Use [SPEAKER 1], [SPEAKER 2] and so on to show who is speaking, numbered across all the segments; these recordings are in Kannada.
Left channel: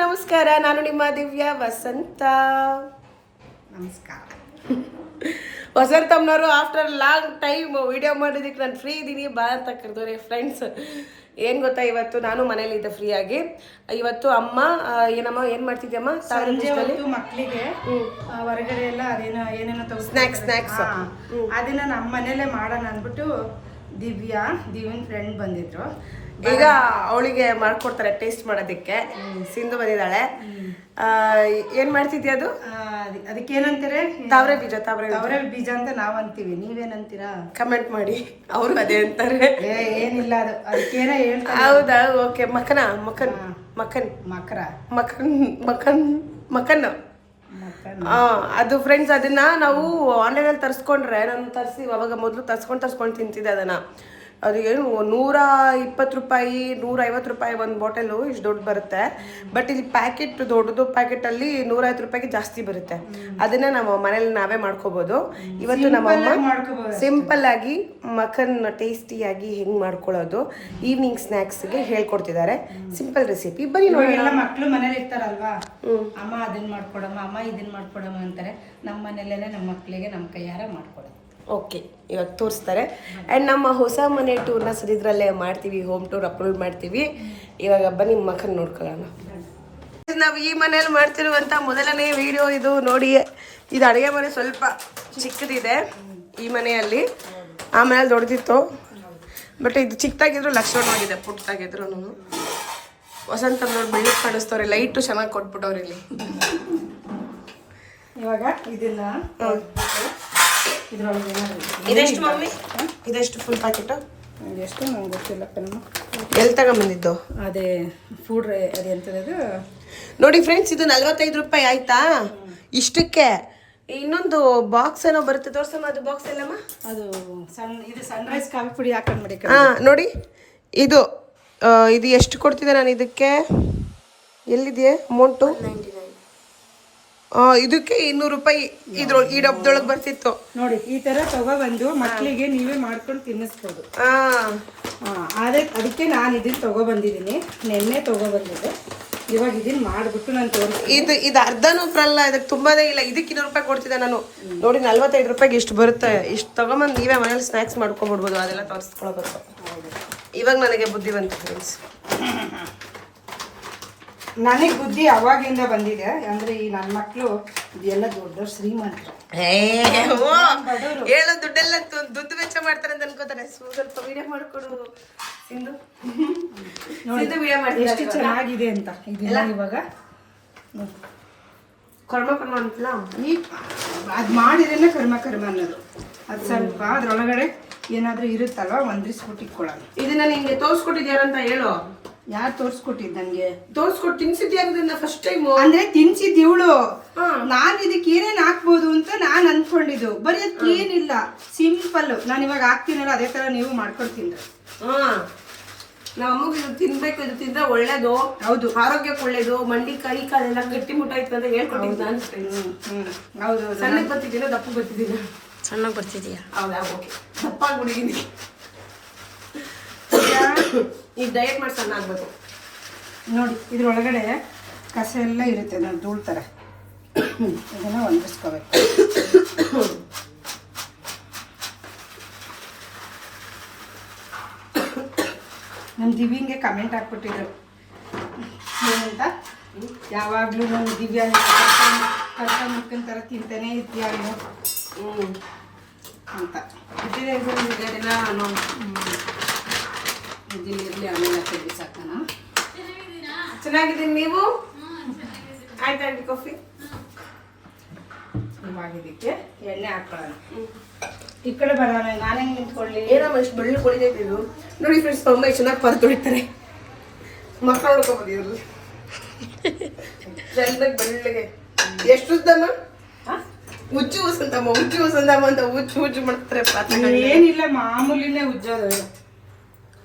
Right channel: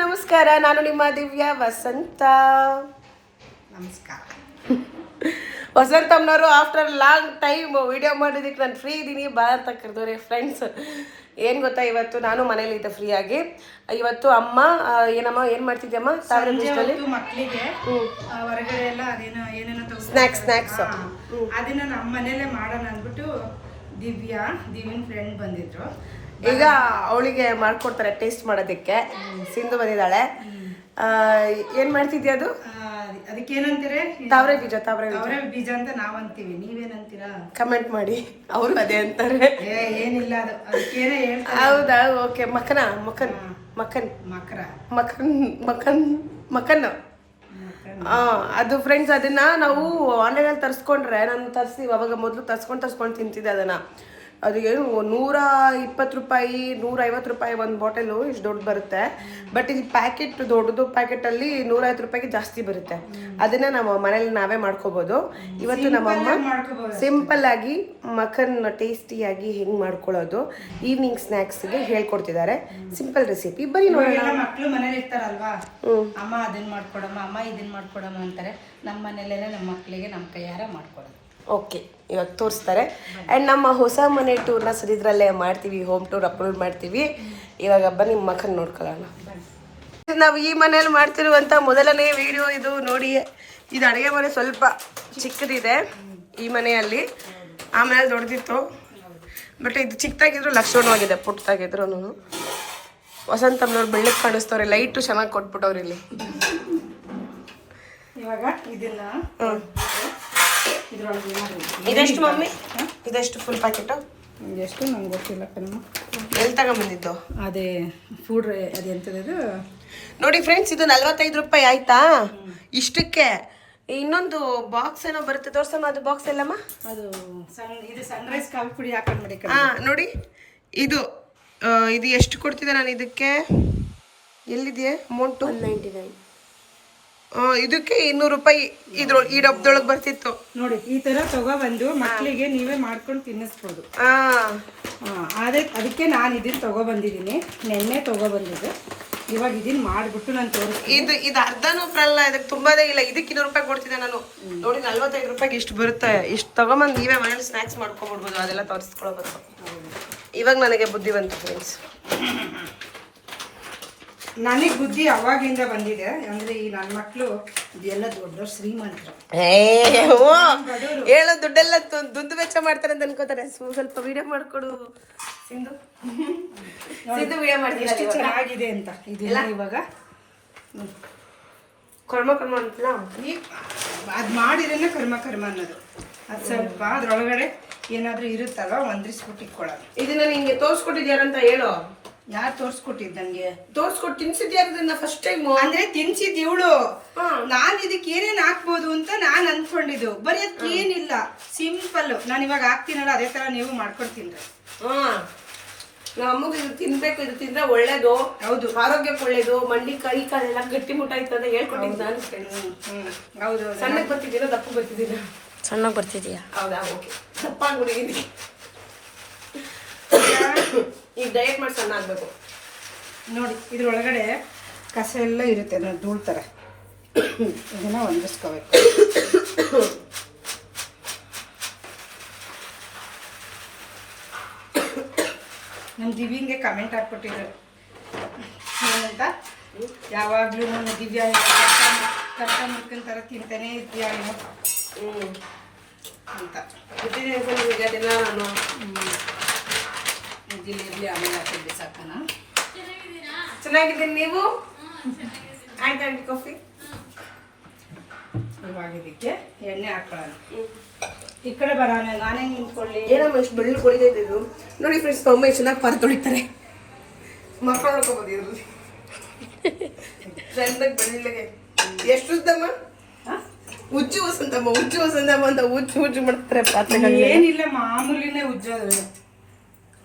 [SPEAKER 1] ನಮಸ್ಕಾರ ನಾನು ನಿಮ್ಮ ದಿವ್ಯ ವಸಂತ.
[SPEAKER 2] ನಮಸ್ಕಾರ.
[SPEAKER 1] ವಸಂತಮ್ಮನವರು ಆಫ್ಟರ್ ಲಾಂಗ್ ಟೈಮ್ ವಿಡಿಯೋ ಮಾಡಿದಕ್ಕೆ ನಾನು ಫ್ರೀ ಇದ್ದೀನಿ ಬಾ ಅಂತ ಕರೆದವ್ರೆ ಫ್ರೆಂಡ್ಸ್ ಏನು ಗೊತ್ತಾ ಇವತ್ತು ನಾನು ಮನೇಲಿದ್ದೆ ಫ್ರೀ ಆಗಿ. ಇವತ್ತು ಅಮ್ಮ ಏನಮ್ಮ ಏನು ಮಾಡ್ತಿದ್ಯಮ್ಮ? ಸಾವಿರ
[SPEAKER 2] ಮಕ್ಕಳಿಗೆ ಹೊರಗಡೆ ಎಲ್ಲ ಅದೇನೋ ಏನೇನೋ ತಗೋ
[SPEAKER 1] ಸ್ನ್ಯಾಕ್ಸ್ snacks.
[SPEAKER 2] ಅದನ್ನ ನಮ್ಮ ಮನೇಲೆ ಮಾಡೋಣ ಅಂದ್ಬಿಟ್ಟು ದಿವ್ಯಾ ದಿವ್ಯನ್ ಫ್ರೆಂಡ್ ಬಂದಿದ್ರು.
[SPEAKER 1] ಈಗ ಅವಳಿಗೆ ಮಾಡ್ಕೊಡ್ತಾರೆ ಟೇಸ್ಟ್ ಮಾಡೋದಕ್ಕೆ. ಸಿಂಧು ಬಂದಿದ್ದಾಳೆ. ಏನ್ ಮಾಡ್ತಿದ್ಯಾ ಅದು?
[SPEAKER 2] ಅದಕ್ಕೆ ಏನಂತಾರೆ
[SPEAKER 1] ತಾವ್ರೆ ಬೀಜ ತಾವ್ರೆ ಬೀಜ.
[SPEAKER 2] ಅವರೇ ಬೀಜ ಅಂತ ನಾವ್ ಅಂತೀವಿ ನೀವೇನಂತೀರಾ?
[SPEAKER 1] ಕಮೆಂಟ್ ಮಾಡಿ. ಅವರು ಅದೇ ಅಂತಾರೆ.
[SPEAKER 2] ಏನಿಲ್ಲ ಅದು ಅದಕ್ಕೇನ
[SPEAKER 1] ಹೌದಾ? ಓಕೆ ಮಕನ ಮಕನ್ ಮಕನ್.
[SPEAKER 2] ಮಕರ.
[SPEAKER 1] ಮಕನ್
[SPEAKER 2] ಮಕನ್
[SPEAKER 1] ಮಕನ್. ಅದು ಫ್ರೆಂಡ್ಸ್ ಅದನ್ನ ನಾವು ಆನ್ಲೈನಲ್ಲಿ ತರಿಸ್ಕೊಂಡ್ರೆ ನಾನು ತರಿಸಿ ಅವಾಗ ಮೊದಲು ತರ್ಸ್ಕೊಂಡು ತರ್ಸ್ಕೊಂಡು ತಿಂತಿದ್ದೆ ಅದನ್ನ. ಅದು ಏನು ನೂರ ಇಪ್ಪತ್ತು ರೂಪಾಯಿ ನೂರ ಐವತ್ತು ರೂಪಾಯಿ ಒಂದು ಬಾಟಲು ಇಷ್ಟು ದೊಡ್ಡ ಬರುತ್ತೆ. ಬಟ್ ಇಲ್ಲಿ ಪ್ಯಾಕೆಟ್ ದೊಡ್ಡದು ಪ್ಯಾಕೆಟಲ್ಲಿ ನೂರೈವತ್ತು ರೂಪಾಯಿಗೆ ಜಾಸ್ತಿ ಬರುತ್ತೆ. ಅದನ್ನ ನಾವು ಮನೇಲಿ ನಾವೇ ಮಾಡ್ಕೋಬೋದು. ಇವತ್ತು ನಮ್ಮಮ್ಮ ಸಿಂಪಲ್ ಆಗಿ ಮಖನ್ ಟೇಸ್ಟಿಯಾಗಿ ಹೆಂಗೆ ಮಾಡ್ಕೊಳ್ಳೋದು ಈವ್ನಿಂಗ್ ಸ್ನ್ಯಾಕ್ಸ್ಗೆ ಹೇಳ್ಕೊಡ್ತಿದ್ದಾರೆ. ಸಿಂಪಲ್ ರೆಸಿಪಿ ಬರೀ ನೋಡೋಣ.
[SPEAKER 2] ಮಕ್ಕಳು ಮನೇಲಿ ಇರ್ತಾರಲ್ವಾ? ಅಮ್ಮ ಅದನ್ನ ಮಾಡ್ಕೊಡಮ್ಮ ಅಮ್ಮ ಇದನ್ನ ಮಾಡ್ಕೊಡಮ್ಮ ಅಂತಾರೆ. ನಮ್ಮ ಮನೇಲೆಲ್ಲ ನಮ್ಮ ಮಕ್ಕಳಿಗೆ ನಮ್ಮ ಕೈಯಾರ ಮಾಡ್ಕೊಡೋದು.
[SPEAKER 1] ಓಕೆ ಇವಾಗ ತೋರಿಸ್ತಾರೆ. ಆ್ಯಂಡ್ ನಮ್ಮ ಹೊಸ ಮನೆ ಟೂರ್ನ ಸರಿದ್ರಲ್ಲೇ ಮಾಡ್ತೀವಿ ಹೋಮ್ ಟೂರ್ ಅಪ್ಲೋಡ್ ಮಾಡ್ತೀವಿ. ಇವಾಗ ಬನ್ನಿ ಮಕ್ಕನ್ ನೋಡ್ಕೊಳ್ಳೋಣ. ನಾವು ಈ ಮನೇಲಿ ಮಾಡ್ತಿರುವಂಥ ಮೊದಲನೇ ವಿಡಿಯೋ ಇದು ನೋಡಿ. ಇದು ಅಡುಗೆ ಮನೆ ಸ್ವಲ್ಪ ಚಿಕ್ಕದಿದೆ ಈ ಮನೆಯಲ್ಲಿ. ಆ ಮನೇಲಿ ದೊಡ್ಡದಿತ್ತು. ಬಟ್ ಇದು ಚಿಕ್ಕದಾಗಿದ್ರು ಲಕ್ಷಣವಾಗಿದೆ ಪುಟ್ಟದಾಗಿದ್ರು ವಸಂತಮ್ಮನವ್ರು ಬೆಳ್ಳಕ್ಕೆ ಕಾಣಿಸ್ತವ್ರೆ ಲೈಟು ಚೆನ್ನಾಗಿ ಕೊಟ್ಬಿಟ್ಟವ್ರು ಇಲ್ಲಿ.
[SPEAKER 2] ಇವಾಗ ಇದನ್ನ ಇದ್ರೊಳಗೆ ಏನಾದ್ರು ಇದೆ.
[SPEAKER 1] ಇದೆಷ್ಟು ಮಮ್ಮಿ? ಇದೆಷ್ಟು ಫುಲ್ ಪ್ಯಾಕೆಟು
[SPEAKER 2] ಎಷ್ಟು ನಂಗೆ ಗೊತ್ತಿಲ್ಲ ಕಣಮ್ಮ
[SPEAKER 1] ಎಲ್ಲಿ ತಗೊಂಬಂದಿದ್ದು?
[SPEAKER 2] ಅದೇ ಫುಡ್ ಅದೆಂತದ್ದು
[SPEAKER 1] ನೋಡಿ ಫ್ರೆಂಡ್ಸ್ ಇದು ನಲ್ವತ್ತೈದು ರೂಪಾಯಿ ಆಯ್ತಾ? ಇಷ್ಟಕ್ಕೆ. ಇನ್ನೊಂದು ಬಾಕ್ಸ್ ಏನೋ ಬರುತ್ತೆ ತೋರ್ಸಮ್ಮ ಅದು ಬಾಕ್ಸ್ ಎಲ್ಲಮ್ಮ?
[SPEAKER 2] ಅದು ಸಣ್ಣ ಇದು ಸನ್ರೈಸ್ ಕಾಫಿ ಪುಡಿ ಹಾಕೊಂಡ್ಬಿಡಿ
[SPEAKER 1] ಹಾಂ ನೋಡಿ. ಇದು ಇದು ಎಷ್ಟು ಕೊಡ್ತಿದ್ದೆ ನಾನು ಇದಕ್ಕೆ? ಎಲ್ಲಿದೆಯಾ? ಅಮೌಂಟು ಇದಕ್ಕೆ ಇನ್ನೂರು ರೂಪಾಯಿ ಇದ್ರ ಈ ಡಬ್ಬದೊಳಗೆ ಬರ್ತಿತ್ತು.
[SPEAKER 2] ನೋಡಿ ಈ ತರ ತಗೊಬಂದು ಮಕ್ಕಳಿಗೆ ನೀವೇ ಮಾಡ್ಕೊಂಡು ತಿನ್ನಿಸ್ಬೋದು. ಅದೇ ಅದಕ್ಕೆ ನಾನು ಇದನ್ನ ತಗೊಬಂದಿದ್ದೀನಿ. ನೆನ್ನೆ ತಗೊಬಂದಿದ್ದೆ. ಇವಾಗ ಇದನ್ನ ಮಾಡಿಬಿಟ್ಟು ನಾನು ತೋರಿಸ್ತೀನಿ.
[SPEAKER 1] ಇದು ಇದು ಅರ್ಧನೂ ಬರಲ್ಲ ಇದಕ್ಕೆ ತುಂಬಾನೇ ಇಲ್ಲ. ಇದಕ್ಕೆ ಇನ್ನೂರು ರೂಪಾಯಿ ಕೊಡ್ತಿದ್ದೆ ನಾನು. ನೋಡಿ ನಲ್ವತ್ತೈದು ರೂಪಾಯಿಗೆ ಇಷ್ಟು ಬರುತ್ತೆ. ಇಷ್ಟು ತಗೊಂಬಂದು ನೀವೇ ಮನೇಲಿ ಸ್ನ್ಯಾಕ್ಸ್ ಮಾಡ್ಕೊಂಡ್ಬಿಡ್ಬೋದು ಅದೆಲ್ಲ ತೋರಿಸ್ಕೊಳ್ಬೇಕು ಇವಾಗ ನನಗೆ ಬುದ್ಧಿ ಬಂತು ಫ್ರೆಂಡ್ಸ್
[SPEAKER 2] ನನಗೆ ಬುದ್ಧಿ ಅವಾಗಿಂದ ಬಂದಿದೆ. ಅಂದ್ರೆ ಈ ನನ್ನ ಮಕ್ಕಳು ಎಲ್ಲ ದೊಡ್ಡ ಶ್ರೀಮಂತರು.
[SPEAKER 1] ಹೇಳೋ ದುಡ್ಡೆಲ್ಲ ದುಡ್ಡು ವೆಚ್ಚ ಮಾಡ್ತಾರೆ ಅಂತ ಅನ್ಕೋತಾರೆ. ಸ್ವಲ್ಪ ವಿಡಿಯೋ ಮಾಡ್ಕೊಡು. ಸಿಂಧು. ಸಿಂಧು ವಿಡಿಯೋ
[SPEAKER 2] ಎಷ್ಟು
[SPEAKER 1] ಮಾಡ್ತೀವಿ
[SPEAKER 2] ಚೆನ್ನಾಗಿದೆ ಅಂತ. ಇದೆಲ್ಲ ಇವಾಗ.
[SPEAKER 1] ಕರ್ಮ ಕರ್ಮ ಅಂತಲ್ಲ
[SPEAKER 2] ಈ ಅದು ಮಾಡಿದ್ರೆ ಕರ್ಮ ಕರ್ಮ ಅನ್ನೋದು. ಅದು ಸ್ವಲ್ಪ ಅದ್ರೊಳಗಡೆ ಏನಾದರೂ ಇರುತ್ತಲ್ವ? ಒಂದ್ರಿಸ್ಬಿಟ್ಟು ಇಟ್ಕೊಳ್ಳೋದು.
[SPEAKER 1] ಇದನ್ನ ನಿಂಗೆ ತೋರಿಸ್ಕೊಟ್ಟಿದ್ಯಾರಂತ ಹೇಳು.
[SPEAKER 2] ಯಾರು ತೋರಿಸ್ಕೊಟ್ಟಿದ್ದು ನನಗೆ
[SPEAKER 1] ತಿನ್ಸಿದ್ಯಾ ಫಸ್ಟ್ ಟೈಮ್
[SPEAKER 2] ಅಂದ್ರೆ ತಿನ್ಸಿದ್ ಇವಳು. ನಾನ್ ಇದಕ್ಕೆ ಏನೇನ್ ಹಾಕ್ಬೋದು ಅಂತ ನಾನ್ ಅನ್ಕೊಂಡಿದ್ದು. ಬರೀ ಅದಕ್ಕೆ ಏನಿಲ್ಲ. ಸಿಂಪಲ್ ನಾನು ಇವಾಗ ಹಾಕ್ತೀನಲ್ಲ ಅದೇ ತರ ನೀವು ಮಾಡ್ಕೊಡ್ತೀನಿ
[SPEAKER 1] ಹಾ. ನಮ್ಮ ಅಮ್ಮಗೆ ಇದು ತಿನ್ಬೇಕು ಇದು ತಿಂದ್ರೆ ಒಳ್ಳೇದು.
[SPEAKER 2] ಹೌದು.
[SPEAKER 1] ಆರೋಗ್ಯಕ್ಕೆ ಒಳ್ಳೇದು. ಮಂಡಿ ಕೈ ಕಾಲೆಲ್ಲ ಗಟ್ಟಿ ಮುಟ್ಟಾಯ್ತು ಅಂತ ಹೇಳ್ಕೊಟ್ಟಿದ್ದು ನಾನು
[SPEAKER 2] ಹೌದು ಸಣ್ಣಕ್ಕೆ
[SPEAKER 1] ಸಣ್ಣಗೆ ಬರ್ತಿದ್ದೀರಾ ದಪ್ಪ ಬರ್ತಿದ್ದೀರಾ?
[SPEAKER 3] ಸಣ್ಣಗೆ ಬರ್ತಿದೀಯಾ
[SPEAKER 1] ಹೌದಾ? ಓಕೆ. ದಪ್ಪ ಆಗ್ಬಿಟ್ಟಿದ್ದೀನಿ ಈಗ ಡಯಟ್ ಮಾಡಿ ಸಣ್ಣ ಆಗ್ಬೇಕು.
[SPEAKER 2] ನೋಡಿ ಇದ್ರೊಳಗಡೆ ಕಸ ಎಲ್ಲ ಇರುತ್ತೆ ನಾನು ಧೂಳ್ ಥರ ಇದನ್ನ ಒಣಗಿಸ್ಕೋಬೇಕು ನಮ್ಮ ದಿವ್ಯಂಗೆ ಕಮೆಂಟ್ ಹಾಕ್ಬಿಟ್ಟಿದ್ರು. ಏನಂತ? ಯಾವಾಗಲೂ ನಾನು ದಿವ್ಯಾ ಕರ್ಕೊಂಡು ಮುಕ್ಕಿನ ಥರ ತಿಂತಾನೆ ನೀನು?
[SPEAKER 1] ಹ್ಮ್.
[SPEAKER 2] ಅಂತ
[SPEAKER 1] ಬಿಟ್ಟಿದ್ದೀನಿ ಸರ್ ನಿಮಗೆ ದಿನ ನಾನು
[SPEAKER 2] ಇದಿಲ್ಲ ಇರಲಿ ಆಮೇಲೆ ಹಾಕಿದ್ವಿ ಸಾಕನ
[SPEAKER 1] ಚೆನ್ನಾಗಿದ್ದೀನಿ ನೀವು? ಆಯ್ತಾ ಕಾಫಿ
[SPEAKER 2] ಇವಾಗ ಇದಕ್ಕೆ ಎಣ್ಣೆ ಹಾಕೊಳ್ಳೋಣ. ಈ ಕಡೆ ಬರೋಣ ನಾನೇ ನಿಂತ್ಕೊಳ್ಳಿ?
[SPEAKER 1] ಏನಮ್ಮ ಇಷ್ಟು ಬೆಳ್ಳು ಕೊಡಿದೈತೆ ಇದು? ನೋಡಿ ಫ್ರೆಂಡ್ಸ್ ಅಮ್ಮ ಎಷ್ಟು ಚೆನ್ನಾಗಿ ಪರ ತೊಳಿತಾರೆ. ಮಕ್ಕಳು ನೋಡ್ಕೊಬೋದು ಇವ್ರಲ್ಲಿ ಬೆಳ್ಳಗೆ ಬೆಳ್ಳಗೆ ಎಷ್ಟು ಉದ್ದಮ್ಮ? ಉಜ್ಜು ಉಸಂತಮ್ಮ ಉಜ್ಜು ಉಸಂತಮ್ಮ ಅಂತ ಉಜ್ಜು ಉಜ್ಜು ಮಾಡ್ತಾರೆ ಪಾತ್ರೆ
[SPEAKER 2] ಏನಿಲ್ಲ ಮಾಮೂಲಿನೇ ಉಜ್ಜೋದು.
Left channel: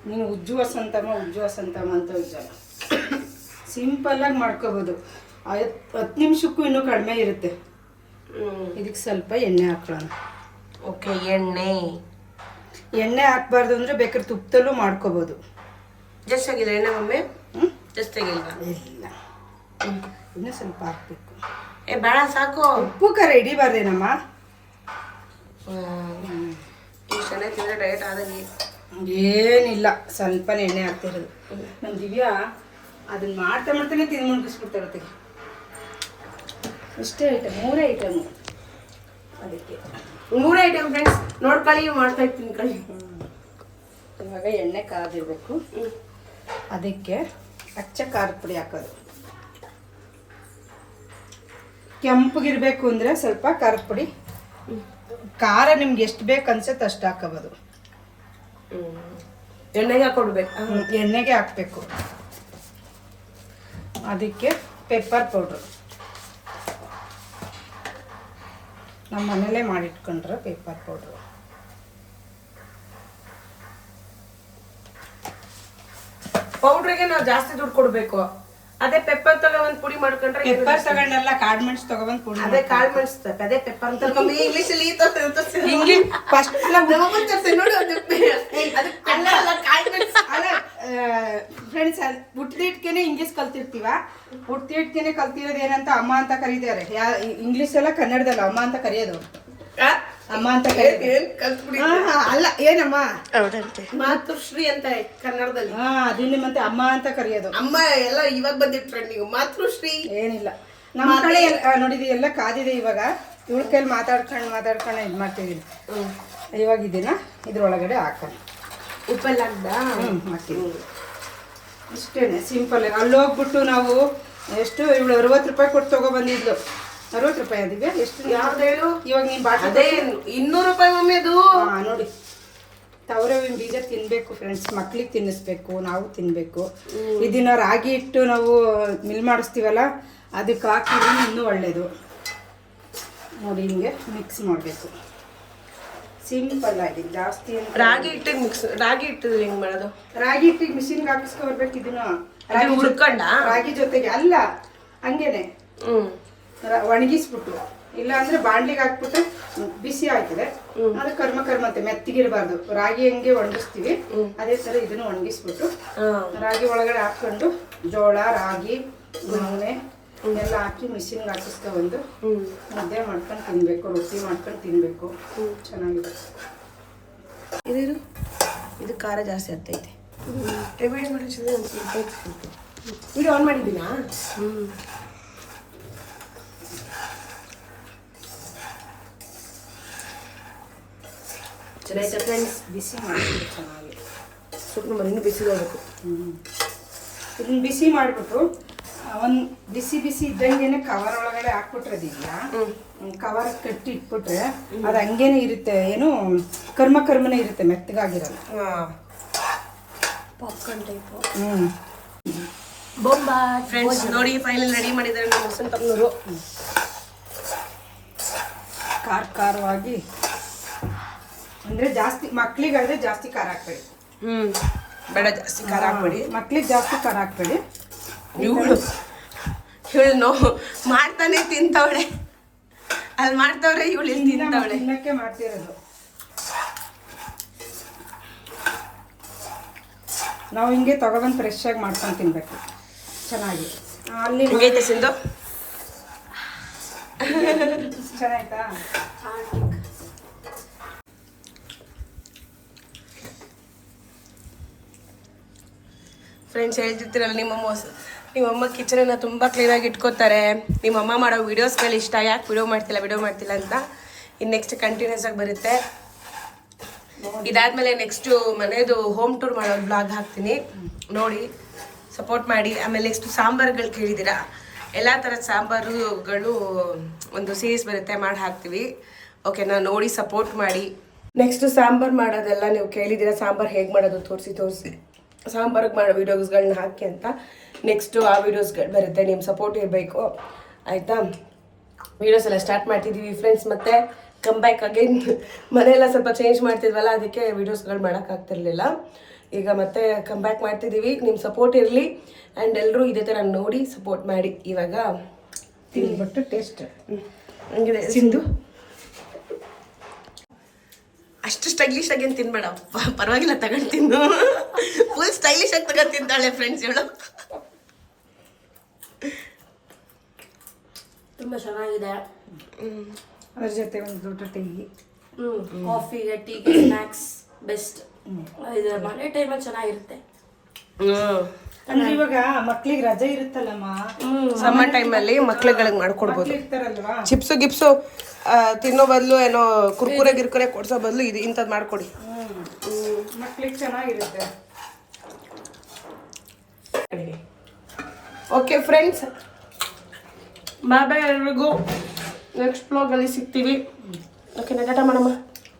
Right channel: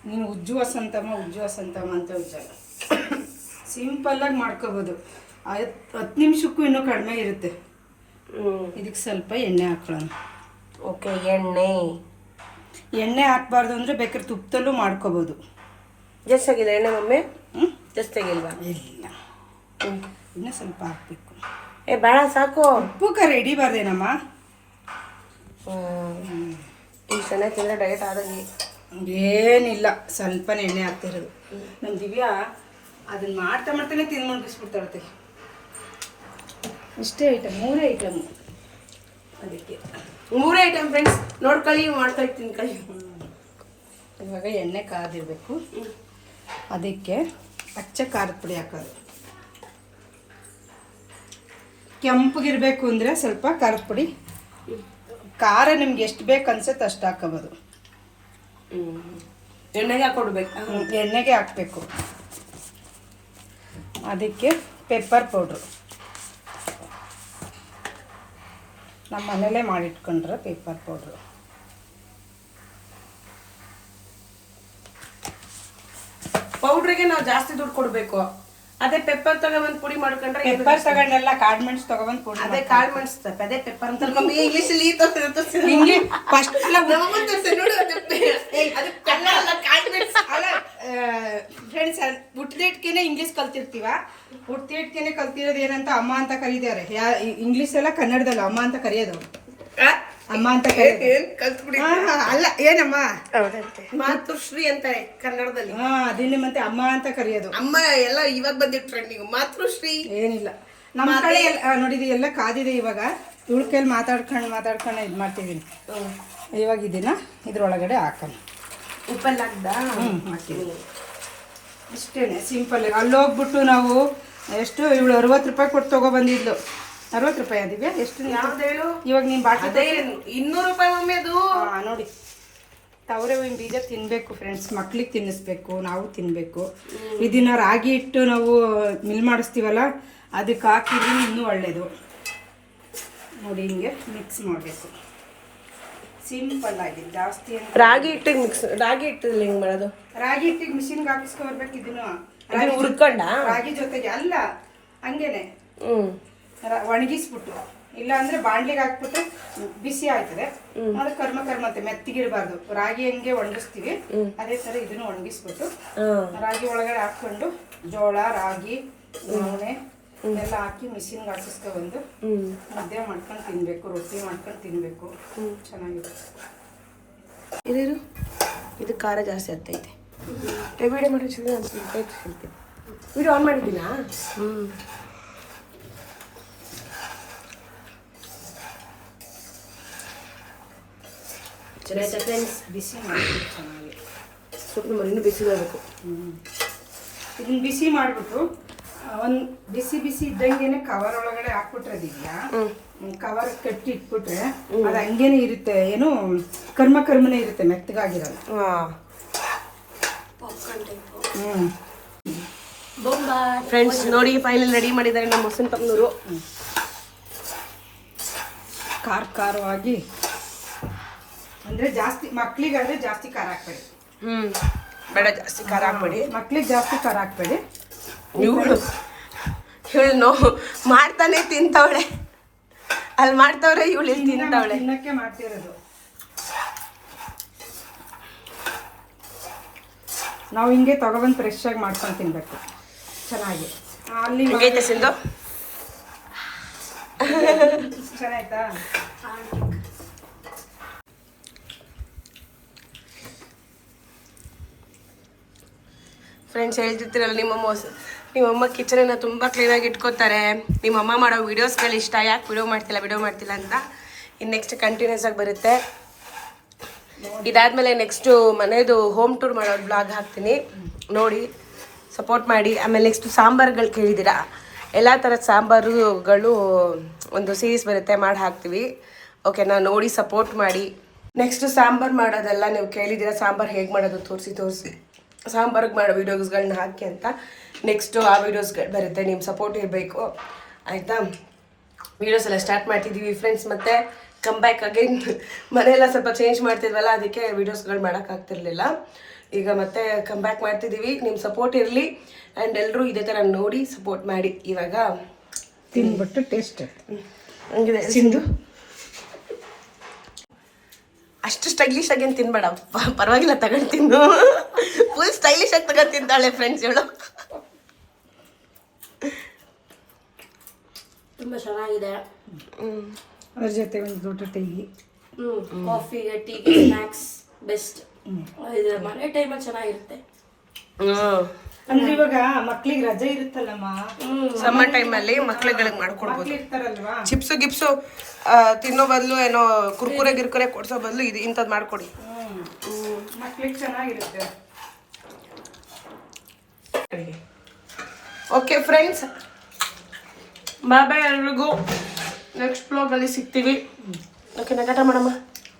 [SPEAKER 2] ನೀನು ಉಜ್ಜು ವಸಂತಮ್ಮ ಉಜ್ಜು ವಸಂತಮ್ಮ ಅಂತ ಉಜ್ಜಲ್ಲ. ಸಿಂಪಲ್ ಆಗಿ ಮಾಡ್ಕೋಬೋದು. ಹತ್ತು ನಿಮಿಷಕ್ಕೂ ಇನ್ನೂ ಕಡಿಮೆ ಇರುತ್ತೆ. ಇದಕ್ಕೆ ಸ್ವಲ್ಪ ಎಣ್ಣೆ ಹಾಕೊಳ್ಳೋಣ
[SPEAKER 1] ಓಕೆ ಎಣ್ಣೆ.
[SPEAKER 2] ಎಣ್ಣೆ ಹಾಕ್ಬಾರ್ದು ಅಂದರೆ ಬೇಕಾದ್ರೆ ತುಪ್ಪದಲ್ಲೂ ಮಾಡ್ಕೋಬೋದು.
[SPEAKER 1] ಜಸ್ಟ್ ಆಗಿದೆ ಎಣ್ಣೆ ಮಮ್ಮಿ ಜಸ್ಟ್ ಆಗಿಲ್ಲ
[SPEAKER 2] ಇಲ್ಲ. ಇನ್ನೂ ಸ್ವಲ್ಪ ಹಾಕ್ಬೇಕು.
[SPEAKER 1] ಏ ಭಾಳ ಸಾಕು.
[SPEAKER 2] ಉಪ್ಪು ಖಾರ ಹಿಡಿಬಾರ್ದೇನಮ್ಮ?
[SPEAKER 1] ಹ್ಞೂ ಚೆನ್ನಾಗಿ ತಿಂದರೆ ಡಯಟ್ ಆದಂಗೆ.
[SPEAKER 2] ಏನಿಲ್ಲ ಸ್ವಲ್ಪ ಎಣ್ಣೆ ಹಾಕ್ತಿರೋದು ನಮ್ಮ ದಿವ್ಯಾ ಅದನ್ನ ಮಾಡ್ತಾ ಮಾಡ್ತಾನೆ ತಿಂದು ಮುಗಿಸ್ಬಿಡ್ತಾಳೆ ಇಷ್ಟೇ ಐಟಮ್ ಮೂರೇ ಐಟಮು ಅದಕ್ಕೆ.
[SPEAKER 1] ಮೂರೇ ಐಟಮ್ ಫ್ರೆಂಡ್ಸ್ ನೋಡ್ಕೊಳ್ಳಿ ಮಾಡ್ತಾ ಇರ್ತೀನಿ ಕಳಿ.
[SPEAKER 2] ಇವಾಗ ಎಣ್ಣೆ ಕಾದಿರಬೇಕು. ಅದಕ್ಕೆ ಅಚ್ಚ ಖಾರದ ಪುಡಿ ಹಾಕೋದು. ಕೆಂಪಗಿರಬೇಕು ಅಂದರೆ ಸ್ವಲ್ಪ ಖಾರದ ಪುಡಿ. ಖಾರ ನಿಮ್ಗೆ ಎಷ್ಟು ಬೇಕು ಅನ್ಸುತ್ತೆ ಅಷ್ಟು ಹಾಕೋಬೋದು.
[SPEAKER 1] ಎಣ್ಣೆಗೆ ಹಾಕೊಡ್ಬೇಕು.
[SPEAKER 2] ಎಣ್ಣೆಗೆ ಹಾಕಬೇಕು. ಅದಕ್ಕೆ ಪೆಪ್ಪರ್ ಪೌಡ್ರು ನಮ್ಮ ಮನೇಲೇ ಮಾಡಿಟ್ಕೊಂಡ್ರೆ ಪೆಪ್ಪರ್ ಪೌಡ್ರು
[SPEAKER 1] ಪೌಡ್ರಿಗೆ ನಾವು ಜಾಸ್ತಿ ದುಡ್ಡು ಕೊಡ್ಬೇಕು. ಅದೇ ಪೆಪ್ಪರ್ ತಗೊಂಡ್ ಪುಡಿ ಮಾಡ್ಕೊಂಡ್ರೆ
[SPEAKER 2] ಪೆಪ್ಪರ್ ತಗೊಂಡೆಲ್ಲ ಕಾಳು ಮೆಣಸು ತಗೊಬಂದು ಪುಡಿ
[SPEAKER 1] ಅದೇ ಕಾಳು ಮೆಣಸು ಅದೇ ಪೆಪ್ಪರ್ ಅಂತ ಮಮ್ಮಿ ಇಂಗ್ಲಿಷ್ ಅಲ್ಲಿ
[SPEAKER 2] ಇಂಗ್ಲಿಷ್ ಫಸ್ಟ್ ಎಲ್ಲ
[SPEAKER 1] ನೋಡಿ ಅದು ಅಲ್ಲ ಕಾಳು ಮೆಣಸು
[SPEAKER 2] ಅಲ್ಲ ಫ್ರೆಂಡ್ಸ್ ಹುಟ್ಟಿದಿಟ್ಕೇನೆ ಇಂಗ್ಲಿಷ್ ಕಲ್ತಿರ್ತೀವ? ಹುಟ್ಟಿದಿಟ್ಕೇನೆ ಕಲ್ತಿರೋದು ಏನಂತ ಅಮ್ಮ ಅಂತ ಕರೀತಾರೆ. ಇಂಗ್ಲಿಷ್ ಎಲ್ಲ ಕನ್ನಡದಲ್ಲ ಅಮ್ಮ ಅಂತ ಕರೆಯೋದು. ಅಮ್ಮ ಅಂತ
[SPEAKER 1] ಏನ್ ಕಲ್ತ್ಬಿಡಿ
[SPEAKER 2] ಅಲ್ಲ ಏನಮ್ಮ?
[SPEAKER 1] ಮಾತೃಶ್ರೀ ಅಂತ ಕನ್ನಡದಲ್ಲಿ.
[SPEAKER 2] ಹಾ ಅದನ್ನೇ ಮತ್ತೆ ಅಮ್ಮ ಅಂತ ಕರೆಯೋದು.
[SPEAKER 1] ಅಮ್ಮ ಎಲ್ಲ ಇವಾಗ ಬಂದಿದ್ ಟ್ರೆಂಡಿಂಗ್ ಮಾತೃಶ್ರೀ?
[SPEAKER 2] ಏನಿಲ್ಲ. ನಮ್ಮ ಕಡೆ ಎಲ್ಲ- ನೋಡಿದಿ ಎಲ್ಲ ಕಾದಿದೆ ಇವಾಗ. ಇವಳ ಕೈಲಿ ಮಾತಾಡ್ಕೊಂಡು ಮಾತಾಡ್ಕೊಂಡು ಇದು ಮಾಡ್ತಿದ್ದೀನಿ ಇವಾಗ ಇದನ್ನ ಇದ್ರೊಳಗಡೆ ಹಾಕೋಣ.
[SPEAKER 1] ಉಪ್ಪಲ್ಲಿ ಹಾಕ್ದ
[SPEAKER 2] ಇಷ್ಟೇನೆ ಸಿಂಪಲ್ ಅಲ್ಲಿ ಹೋಗ್ಬಿಟ್ಟು ನಾವು ಎಷ್ಟು ಇವಳು ಅರವತ್ತು ರೂಪಾಯಿ ಕೊಟ್ಟು ತಗೊಬಂದಿದ್ಲು ಅರವತ್ತು ರೂಪಾಯಿ ಅದಿವ್ಯಾ ಎಷ್ಟು
[SPEAKER 1] ಯಾವ್ದು ಹೇಳು?
[SPEAKER 2] ಇವಾಗ ನೀನು ಬಾಟ್ಲಿ
[SPEAKER 1] ಅದೇ ಇನ್ನೂರು ರೂಪಾಯಿ ಒಮ್ಮೆ ಅದು
[SPEAKER 2] ನೋಡಿ. ತವರೆ ಹೂವಿನ ಬೀಜ ತಿನ್ಬೇಕು ಫ್ರೆಂಡ್ಸ್ ಮಕ್ಳಿಗೆ ತಿನ್ನಿಸ್ಬೇಕು ನಾವು ತಿನ್ಬೇಕು. ಇದನ್ನ ರಾಗಿ ಇಟ್ಟು ನಾವು ಮಿಲ್ ಮಾಡಿಸ್ತೀವಲ್ಲ ಅದಕ್ಕೆ ಹಾಕಿದ್ರೆ ಇನ್ನೂ ಒಳ್ಳೇದು. ನೋಡಿ ಹಿಂಗೆ ಮಿಕ್ಸ್ ಮಾಡಬೇಕು. ಸಿಂಪಲ್ ಆಗಿ ಜಾಸ್ತಿ
[SPEAKER 1] ರಾಗಿ ಹಿಟ್ಟಿಗೆ ಮಿಕ್ಸ್ ರಾಗಿ ಹಿಟ್ಟಿದ್ರೆ ಹೆಂಗೆ ಮಾಡೋದು?
[SPEAKER 2] ರಾಗಿ ಹಿಟ್ಟಿಗೆ ಮಿಷಿನ್ಗೆ ಹಾಕಿಸ್ಕೊಬರ್ಬೇಕು ಇದನ್ನು.
[SPEAKER 1] ಅದನ್ನ ಹುರ್ಕೊಂಡ?
[SPEAKER 2] ರಾಗಿ ಜೊತೆಗೆ ಅಲ್ಲ ಹಂಗೇನೆ. ರ- ಒಣಗಿಸ್ಬಿಟ್ಟು ಇಲ್ಲ ಅಂದ್ರೆ ಬಾಣ್ಲಿಗೆ ಹಾಕ್ಬಿಟ್ಟು ಬಿಸಿ ಆಗ್ತದೆ. ಅದು ಕರ್ಮ ಕರ್ಮ ಅಂತ ಮೆತ್ತಿಗಿರ್ಬಾರ್ದು. ರಾಗಿ ಹೆಂಗೆ ಒಣಗಿಸ್ತೀವಿ. ಅದೇ ತರ ಇದನ್ನು ಒಣಗಿಸ್ಬಿಟ್ಟು ರಾಗಿ ಒಳಗಡೆ ಹಾಕೊಂಡು ಜೋಳ ರಾಗಿ ನೂನೆ ಎಲ್ಲ ಹಾಕಿ ಮಿಷಿನ್ಗೆ ಹಾಕಿಸ್ಕೊಬಂದು
[SPEAKER 1] ಒಂದು
[SPEAKER 2] ಮುದ್ದೆ ಮಾಡ್ಕೊಂಡು ತಿನ್ಬೇಕು ರೊಟ್ಟಿ ಮಾಡ್ಕೊಂಡು ತಿನ್ಬೇಕು. ಚೆನ್ನಾಗಿದೆ.
[SPEAKER 1] ಇದೇನು? ಇದು ಖಾರ ಜಾಸ್ತಿ ಆಗ್ತೈತೆ. ವಿಡಿಯೋ ಮಾಡೋ ಇದು ಆನ್ ಮಾಡಿದ್ದೀನಾ ಹ್ಮ್. ಫ್ರೆಂಡ್ಸ್
[SPEAKER 2] ಬಿಸಿ ಮಾಡಿಬಿಟ್ಟು ಚೆನ್ನಾಗಿ.
[SPEAKER 1] ಸ್ವಲ್ಪ ಮರಿನೂ ಬಿಸಿಬೇಕು
[SPEAKER 2] ಹ್ಮ್. ಇದನ್ನ ಬಿಸಿ ಮಾಡಿಬಿಟ್ಟು ಒಂದು ಬಿಸಿ ಬಿಸಿ ಇದ್ದಂಗೆ ಕವರ್ ಒಳಗಡೆ ಹಾಕ್ಬಿಟ್ರದಿದ್ಯಾ
[SPEAKER 1] ಹ್ಮ್.
[SPEAKER 2] ಕವರ್ ಕಟ್ಟಿ ಇಟ್ಬಿಟ್ರೆ ಅದು ಹಂಗೇನೆ ಇರುತ್ತೆ ಏನು ಕರ್ಮ ಕರ್ಮನೇ ಇರುತ್ತೆ ಮೆತ್ತಗಾಗಿರಲ್ಲ.
[SPEAKER 1] ಫ್ರೆಂಡ್ಸ್ ನೋಡಿ ಫೈನಲ್ ರೆಡಿ ಮಾಡಿದ್ದಾರೆ ನಮ್ಮ ಮುಸನ್ ತಮ್ಮನೂರು
[SPEAKER 2] ಖಾರ ಖಾರವಾಗಿ ಅಂದ್ರೆ ಜಾಸ್ತಿ ಮಕ್ಳಿಗಾದ್ರೆ ಜಾಸ್ತಿ ಖಾರ ಹಾಕ್ಬೇಡಿ.
[SPEAKER 1] ಹ್ಮ್. ಬೇಡ ಜಾಸ್ತಿ ಖಾರ ಹಾಕ್ಬೇಡಿ.
[SPEAKER 2] ಮಕ್ಳಿಗೆ ಜಾಸ್ತಿ ಖಾರ ಹಾಕ್ಬೇಡಿ.
[SPEAKER 1] ಇವಳು ಇವಳು ನೋ ಮಾಡ್ತಾನೆ ತಿಂತವಳೆ. ಅಲ್ಲಿ ಮಾಡ್ತವ್ರೆ ಇವಳು ಇಲ್ಲಿ ತಿಂತವಳೆ.
[SPEAKER 2] ತಿನ್ನಕ್ಕೆ ಮಾಡ್ತಿರೋದು. ನಾವು ಹಿಂಗೆ ತಗೊಬಂದು ಫ್ರೆಶ್ ಆಗಿ ಮಾಡ್ಕೊಂಡು ತಿನ್ಬೇಕು. ಚೆನ್ನಾಗಿ. ಅಲ್ಲಿ
[SPEAKER 1] ಹಿಂಗೈತೆ ಸಿಂಧು?
[SPEAKER 2] ಚೆನ್ನಾಯ್ತಾ?
[SPEAKER 1] ಫ್ರೆಂಡ್ಸ್ ಹೇಳ್ತಿರ್ತೀರಲ್ಲ ನಿಮ್ಮಮ್ಮ ನಿಮ್ಮ ಅಮ್ಮ ಕಿಚನನ್ನ ತುಂಬ ಕ್ಲೀನಾಗಿ ಇಟ್ಕೋತಾರೆ. ನಿಮ್ಮಮ್ಮ ಮಾಡೋ ವೀಡಿಯೋಸ್ಗಳು ಇಷ್ಟ, ಯಾಕೆ ವಿಡಿಯೋ ಮಾಡ್ತಿಲ್ಲ ವಿಡಿಯೋ ಮಾಡ್ತಿಲ್ಲ ಅಂತ ಇನ್ನು ನೆಕ್ಸ್ಟ್ ಕಂಟಿನ್ಯೂಸ್ ಆಗಿ ಬರುತ್ತೆ. ಇದಾದಮೇಲೆ ನೆಕ್ಸ್ಟು ಮನೆಯದು ಹೋಮ್ ಟೂರ್ ಮಾಡೋ ಬ್ಲಾಗ್ ಹಾಕ್ತೀನಿ. ನೋಡಿ ಸಪೋರ್ಟ್ ಮಾಡಿ. ಆಮೇಲೆ ನೆಕ್ಸ್ಟು ಸಾಂಬಾರುಗಳು ಕೇಳಿದ್ದೀರಾ? ಎಲ್ಲ ಥರದ ಸಾಂಬಾರುಗಳು ಒಂದು ಸೀರೀಸ್ ಬರುತ್ತೆ, ಮಾಡಿ ಹಾಕ್ತೀವಿ. ಓಕೆನಾ ನೋಡಿ ಸಪೋರ್ಟ್ ಮಾಡಿ. ನೆಕ್ಸ್ಟ್ ಸಾಂಬಾರು ಮಾಡೋದೆಲ್ಲ ನೀವು ಕೇಳಿದ್ದೀರಾ? ಸಾಂಬಾರು ಹೇಗೆ ಮಾಡೋದು? ತೋರಿಸಿ ತೋರಿಸಿ. ಸಾಂಬಾರಿಗೆ ಮಾಡೋ ವೀಡಿಯೋಸ್ಗಳನ್ನ ಹಾಕಿ ಅಂತ ನೆಕ್ಸ್ಟು ಆ ವೀಡಿಯೋಸ್ಗಳು ಬರುತ್ತೆ ನಿಮ್ಮ ಸಪೋರ್ಟ್ ಇರಬೇಕು. ಆಯಿತಾ? ವೀಡಿಯೋಸ್ ಎಲ್ಲ ಸ್ಟಾರ್ಟ್ ಮಾಡ್ತಿದ್ದೀವಿ ಫ್ರೆಂಡ್ಸ್ ಮತ್ತು. ಕಮ್ ಬ್ಯಾಕ್ ಅಗೈನ್ ಮನೆಯೆಲ್ಲ ಸ್ವಲ್ಪ ಚೇಂಜ್ ಮಾಡ್ತಿದ್ವಲ್ಲ ಅದಕ್ಕೆ ವೀಡಿಯೋಸ್ಗಳು ಮಾಡೋಕ್ಕಾಗ್ತಿರ್ಲಿಲ್ಲ ಈಗ ಮತ್ತೆ ಕಮ್ ಬ್ಯಾಕ್ ಮಾಡ್ತಿದ್ದೀವಿ ನಿಮ್ಮ ಸಪೋರ್ಟ್ ಇರಲಿ. ಆ್ಯಂಡ್ ಎಲ್ಲರೂ ಇದೇ ಥರ ನೋಡಿ ಸಪೋರ್ಟ್ ಮಾಡಿ ಇವಾಗ
[SPEAKER 2] ತಿಂದುಬಿಟ್ಟು ಟೇಸ್ಟ್
[SPEAKER 1] ಹಂಗಿದೆ. ಸಿಂಧು? ಅಷ್ಟು ಸ್ಟೈಲಿಶ್ ಆಗಿ ಏನು ತಿನ್ಬೇಡ. ಪರವಾಗಿಲ್ಲ ತಗೊಂಡು ತಿನ್ನು. ಫುಲ್ ಸ್ಟೈಲಿಶ್ ಆಗಿ ತಗೊಂಡು ತಿಂತಾಳೆ ಫ್ರೆಂಡ್ಸ್ ಇವಳು.
[SPEAKER 3] ತುಂಬ ಚೆನ್ನಾಗಿದೆ.
[SPEAKER 2] ಅದ್ರ ಜೊತೆ ಒಂದು ದೊಡ್ಡ ಟೀ
[SPEAKER 3] ಕಾಫಿಗೆ ಟೀಗೆ ಸ್ನ್ಯಾಕ್ಸ್ ಬೆಸ್ಟ್ ಇದು ಮನೆ ಟೈಮಲ್ಲಿ ಚೆನ್ನಾಗಿರುತ್ತೆ.
[SPEAKER 2] ಅಂದ್ರೆ ಇವಾಗ ಮಕ್ಳಿಗೆ ರಜೆ ಇರುತ್ತಲ್ಲಮ್ಮ?
[SPEAKER 1] ಸಮ್ಮರ್ ಅಲ್ಲಿ ಮಕ್ಳುಗಳಿಗೆ ಮಾಡ್ಕೊಡ್ಬೋದು.
[SPEAKER 2] ಇರ್ತಾರಲ್ವಾ
[SPEAKER 1] ಚಿಪ್ಸು ಗಿಪ್ಸು ಆ, ತಿನ್ನೋ ಬದಲು ಏನೋ ಕುರ್ಕುರೆ ಗಿರ್ಕುರೆ ಕೊಡ್ಸೋ ಬದಲು ಇದು ಇಂಥದ್ದು ಮಾಡ್ಕೊಡಿ.
[SPEAKER 2] ಮಕ್ಳಿಗೆ ಚೆನ್ನಾಗಿರುತ್ತೆ.
[SPEAKER 1] ಓಕೆ ಫ್ರೆಂಡ್ಸ್ ಬಾಯ್ ಬಾಯ್ ಎಲ್ರಿಗೂ. ನೆಕ್ಸ್ಟ್ ಬ್ಲಾಗಲ್ಲಿ ಸಿಗ್ತೀವಿ. ಓಕೆ ನಗಟ ಮಾಡಮ್ಮ.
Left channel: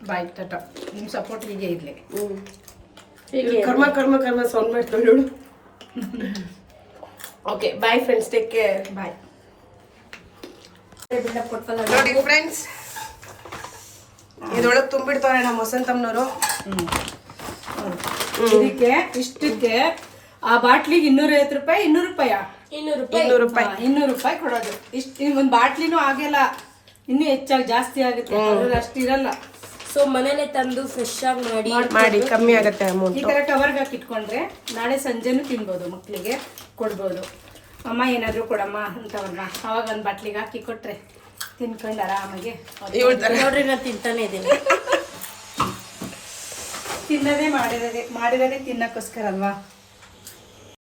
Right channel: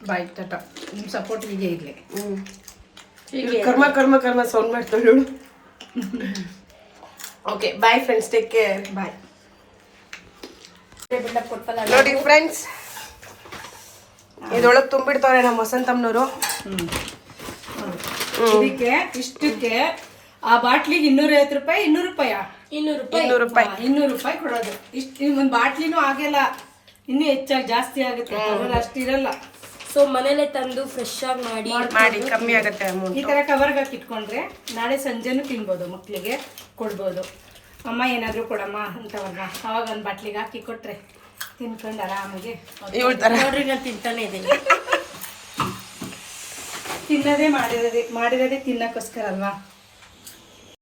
[SPEAKER 2] ಬಾಯ್ ಟಾಟಾ ನಿಮ್ಮ ಸಪೋರ್ಟ್ ಹೀಗೆ ಇರಲಿ.
[SPEAKER 1] ಹ್ಞೂ ಕರ್ಮ ಕರ್ಮ ಕರ್ಮ sound ಮಾಡ್ತಾಳು okay bye friends take care
[SPEAKER 2] bye
[SPEAKER 1] ನೋಡಿ ಫ್ರೆಂಡ್ಸ್ ಇದ್ರೊಳಗೆ ತುಂಬಿಡ್ತಾರೆ ನಮ್ಮ ವಸಂತಮ್ಮನವರು.
[SPEAKER 2] ಇದಕ್ಕೆ ಇಷ್ಟಕ್ಕೆ ಆ ಬಾಟ್ಲಿಗೆ ಇನ್ನೂರೈವತ್ತು ರೂಪಾಯಿ ಇನ್ನೂರು ರೂಪಾಯ
[SPEAKER 3] ಇನ್ನೂರು ರೂಪಾಯಿ.
[SPEAKER 1] ಇನ್ನೂರು ರೂಪಾಯಿ.
[SPEAKER 2] ಇನ್ನೂರು ರೂಪಾಯಿ ಕೊಡೋದು. ಇಷ್ಟು ಒಂದು ಬಾಟ್ಲಿನೂ ಆಗಲ್ಲ. ಇನ್ನೂ ಹೆಚ್ಚಾಗಿ ಜಾಸ್ತಿ ಆಗುತ್ತೆ. ಅಷ್ಟು ಅಷ್ಟಿರಲ್ಲ
[SPEAKER 3] ಸೊ ಮನೇಲೆ ತಂದು ಫ್ರೆಶ್ ಆಗಿ ಮಾಡಿ
[SPEAKER 1] ಮಾಡಿ ಕಮ್ಮಿ ಆಗುತ್ತೆ ಅಮೌಂಟ್
[SPEAKER 2] ಈ ತರ ಕವರ್ಗೆ ಹಾಕಿ ಇಟ್ಕೊಂಡ್ರೆ ನಾಳೆ ಸಂಜೆನೂ ತಿನ್ಬೋದು ಮಕ್ಕಳಿಗೆ ಕೊಡ್ಬೋದು. ಅಮ್ಮ ಏನಾದರೂ ಕೊಡಮ್ಮ ಅಂತವ್ರನ್ನ. ಅವಾಗ ಒಂದು ಬಾಟ್ಲಿಗೆ ಹಾಕಿ ಕೊಟ್ರೆ ತಿನ್ಕೊಂಡು ಆರಾಮಾಗಿ
[SPEAKER 3] ನೋಡ್ರಿ ನಾನು ತಿಂತಾನೆ ಇದ್ದೀನಿ.
[SPEAKER 2] ತಿನ್ನದೇ ಮಾಡಿರೋದೇ ಮಾಡಿರೋದೇ ತಿನ್ನಕ್ಕೋಸ್ಕರ ಅಲ್ವಾ?